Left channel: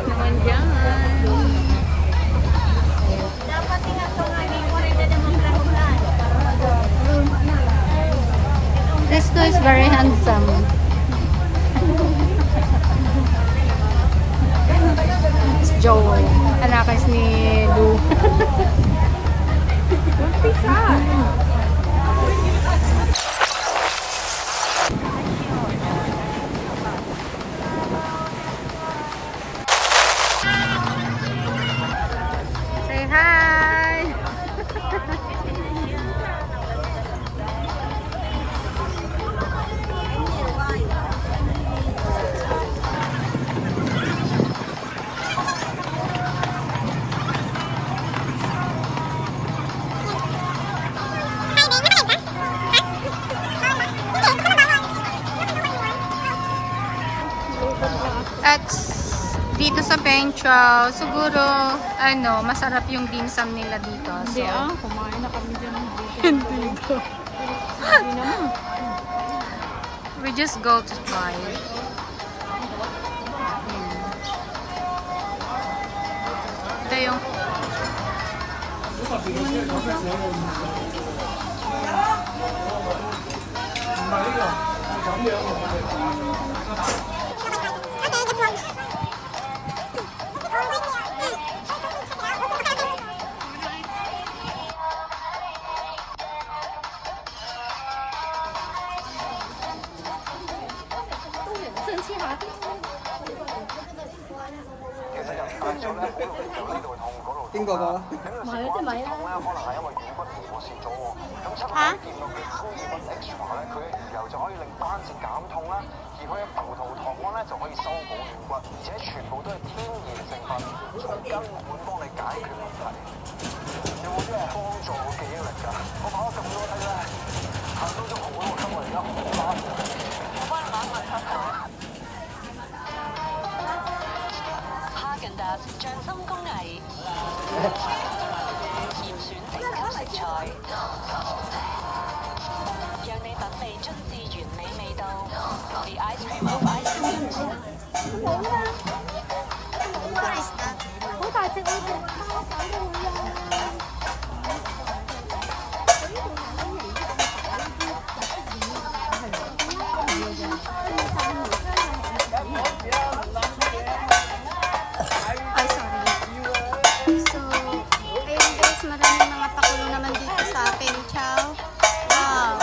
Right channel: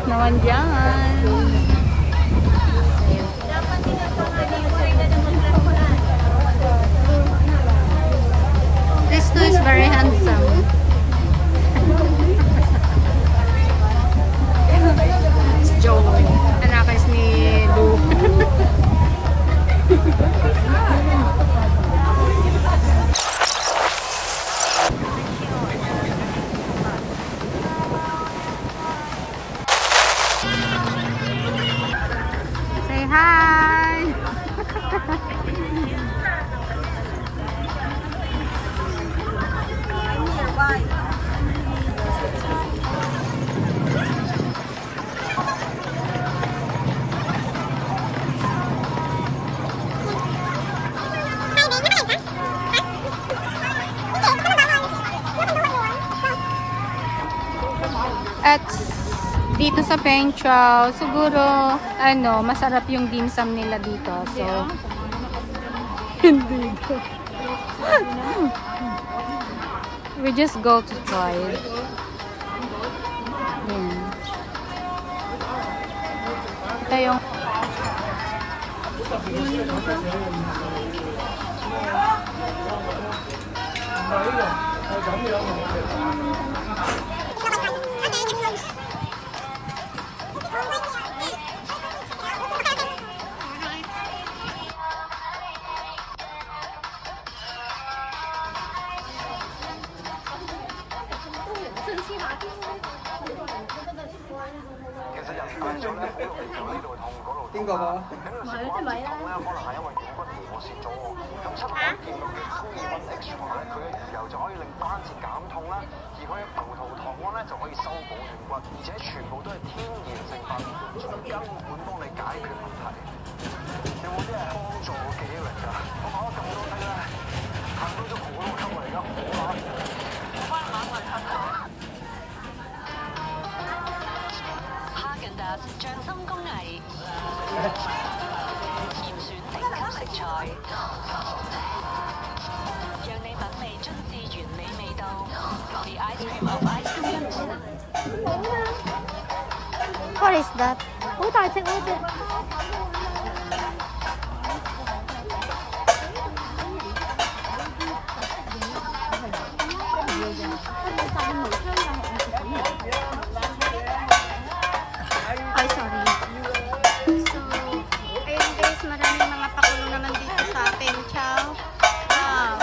Sarap naman dyan. Ayan. This guy is very handsome. It's Joe. Anakas ni Lou. Say hi! At dito sa Penchao, siguro, masarap yung dim sum nila dito. So, hindi daw. We just go to try. Ito yung Kinh khủng hả? Mày cho mày đó. Hả? What is that? Ay, sorry. So, ayun guys, maraming mga pakulo naman dito sa Penchao. Wow.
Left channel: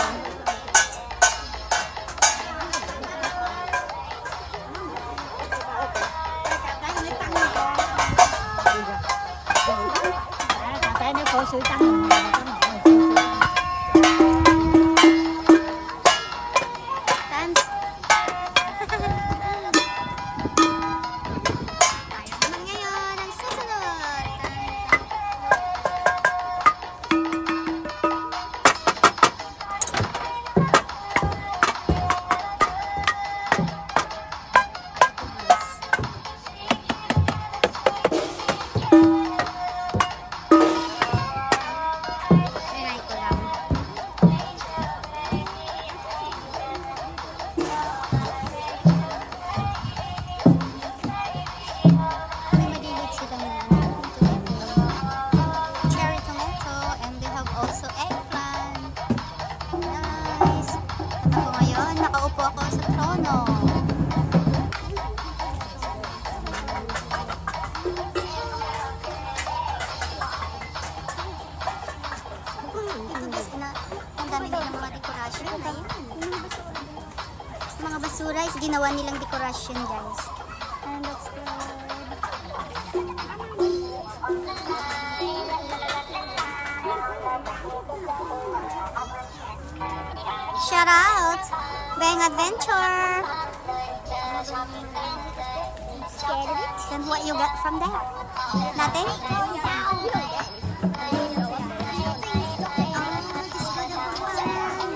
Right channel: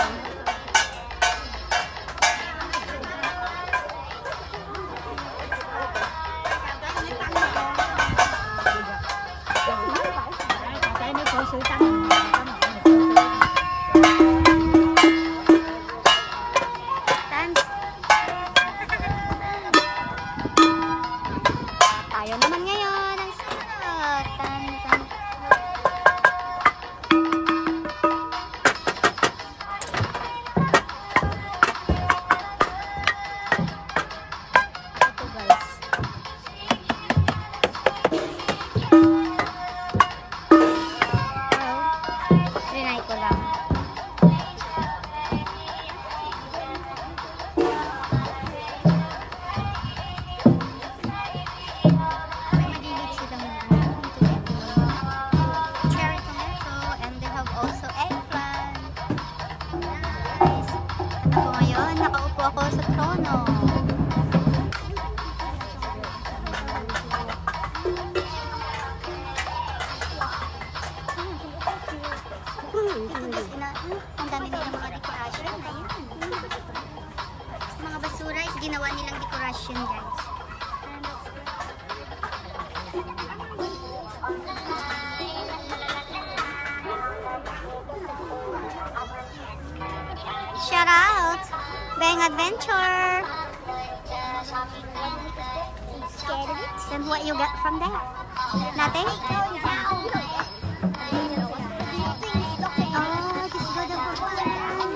Dance. Tayo naman ngayon ang susunod. Tan, tan. Ako to guys. Trinay ko lang. May maliliit silang mga tomato, cherry tomato, and they have also eggplant. Nice. At ako ngayon, nakaupo ako sa trono. Dito guys, ang dami nilang mga dekorasyon. Ayan. Mga basura is ginawa nilang dekorasyon guys. And that's good. Shout out! Bang Adventure! Scared of it? Then what you get from that? Nothing? Going down! Oh, just go there for fun.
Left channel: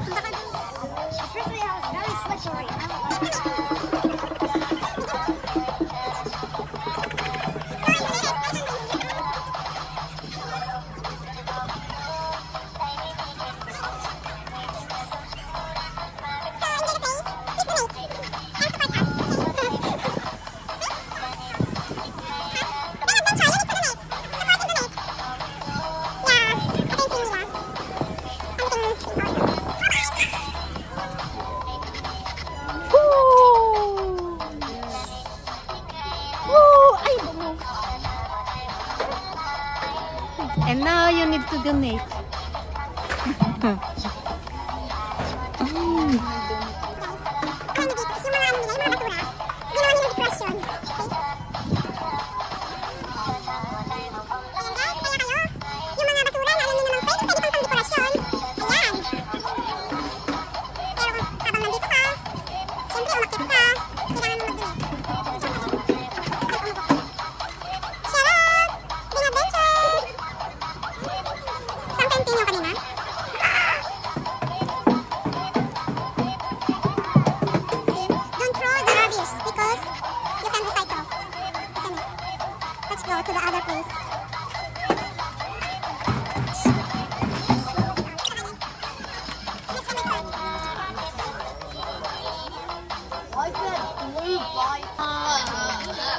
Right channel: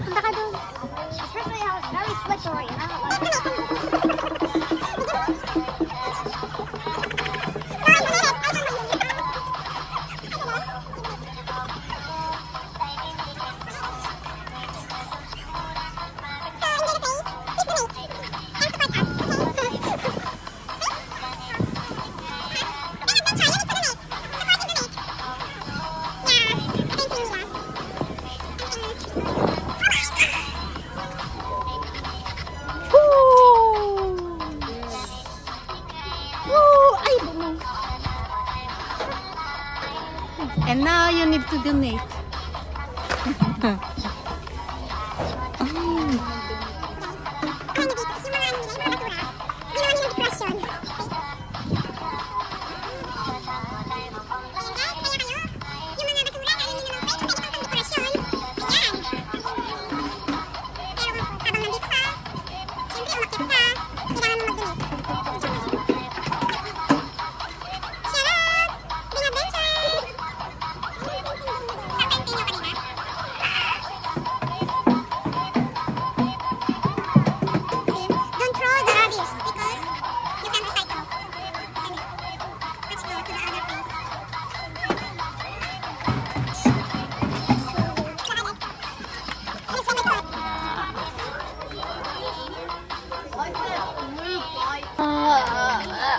Punta ka dun. Especially how it's very slippery. you need to donate? To the other place.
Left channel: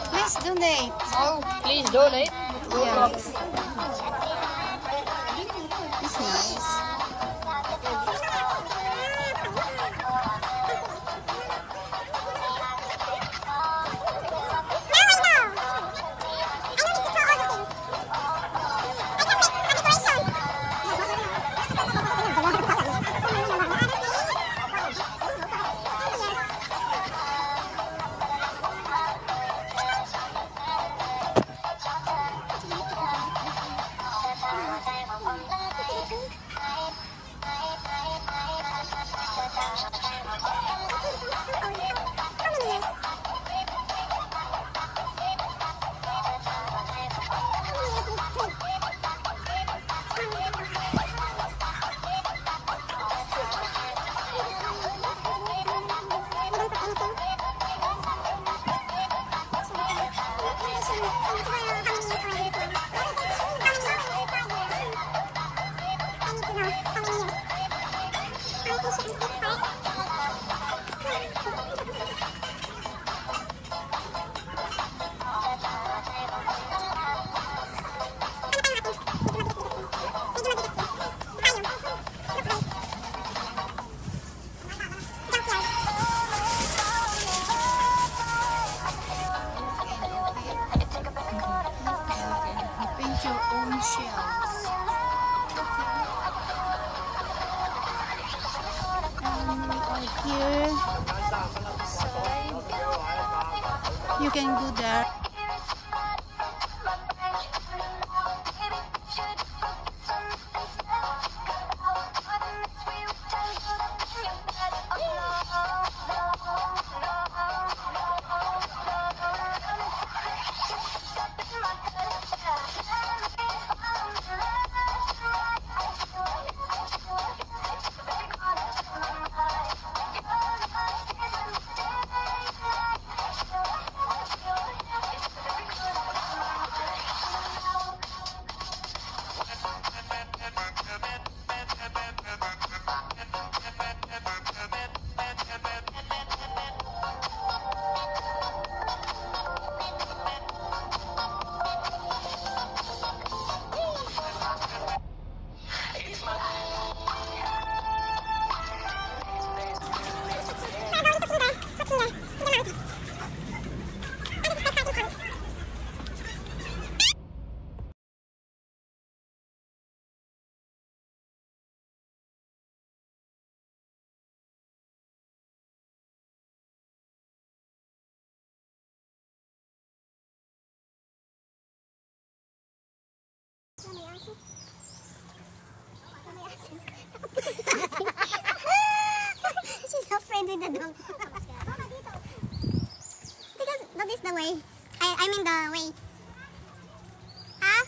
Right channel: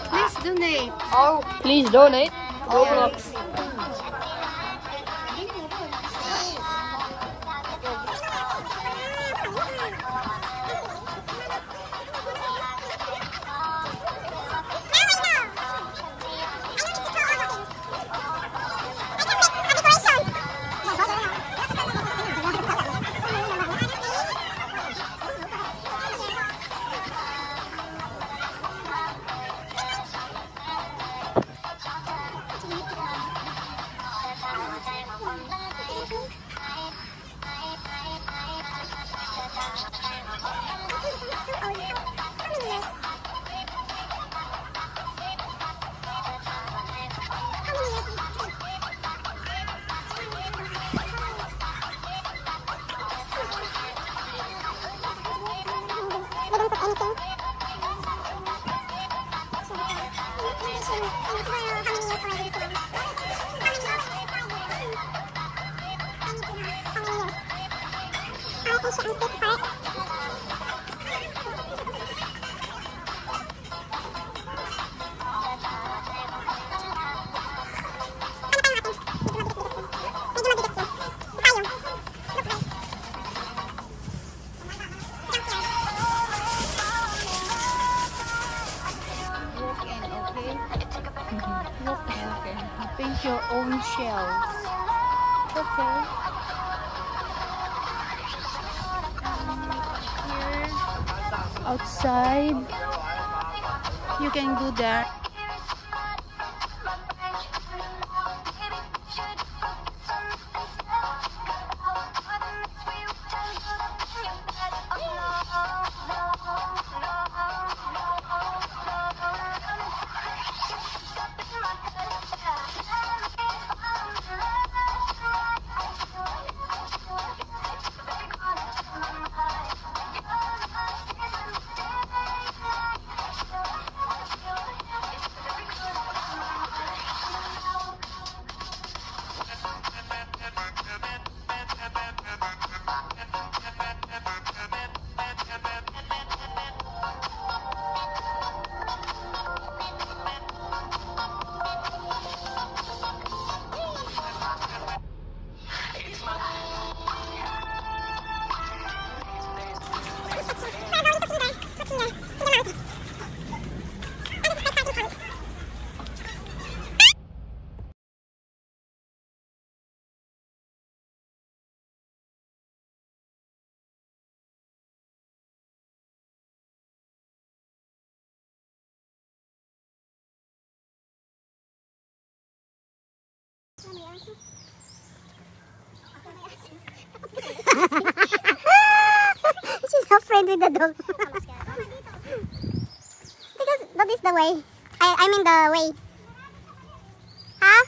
Please donate. Oh, please donate. Oh, Yeah. it's nice. Paint your own shells. Okay. And we are here outside. You can go there. She's afraid with the dog. Because that is the way. I mean the way. Huh?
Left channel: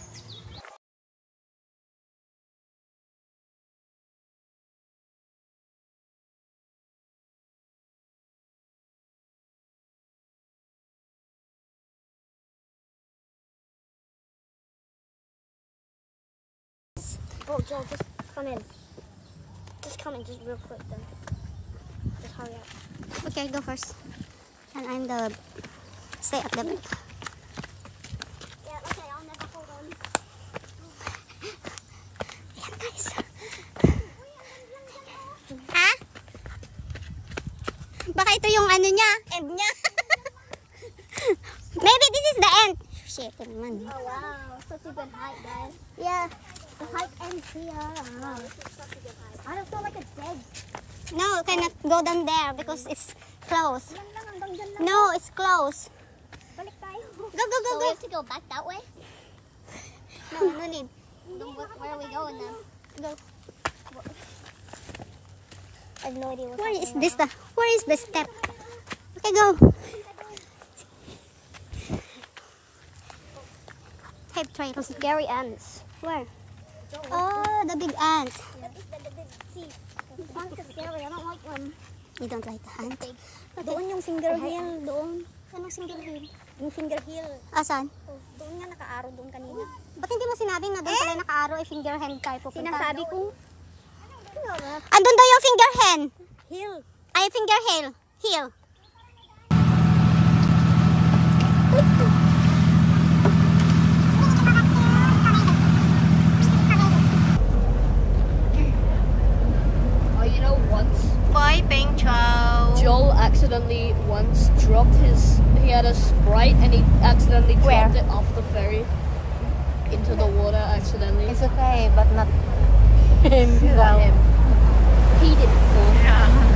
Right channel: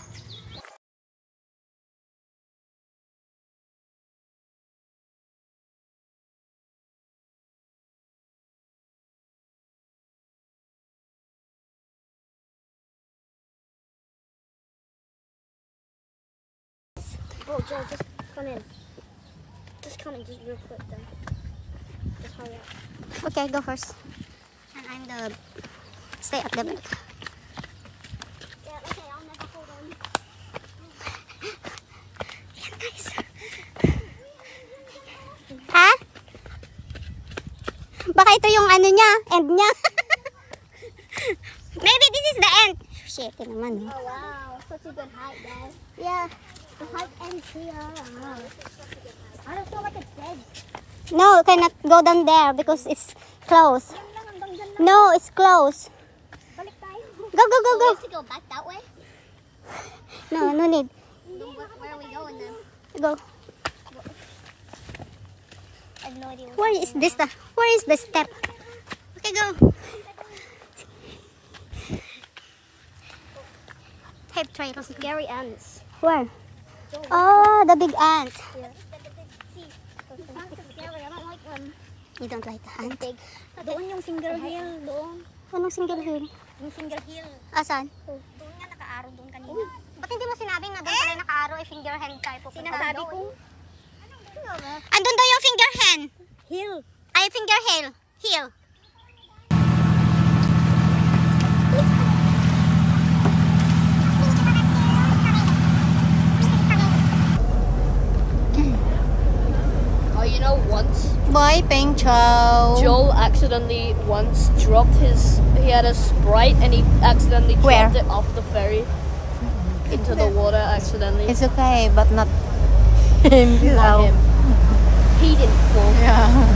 Bro, Joe, just come in. Just come in, just real quick then. Just hurry up. Okay, go first. And I'm the stay at the back. Yeah, okay, I'll never hold on. Yan guys. Ha? Baka ito yung ano niya, end niya. Maybe this is the end. Shit, naman. Oh wow, such a good height, guys. Yeah. The hike ends here. I don't feel like it's dead. No, you cannot go down there because it's closed. Yan lang, hanggang dyan lang. No, it's closed. Balik tayo. Go, go, go, So we go. have to go back that way? No, no need. Where are we going then? Go. I have no idea. Where is this? Where is the step? Okay, go. Have trails. Scary ants. Where? Oh, the big ant. See, ants are scary. I don't like them. You don't like the ant? Big. Doon yung finger hill. Doon. Anong single hill? Yung finger hill. Asan? Doon nga naka-arrow doon kanina. Ba't hindi mo sinabing na doon pala naka-arrow ay finger hand tayo pupunta? Sinasabi ko. Andun daw yung finger hand. Hill. Ay, finger hill. Hill. You know, once Boy, Peng Chow. Joel accidentally once dropped he had a Sprite and he accidentally Where? dropped it off the ferry into the water accidentally. It's okay, but not Not him. He didn't fall. Yeah.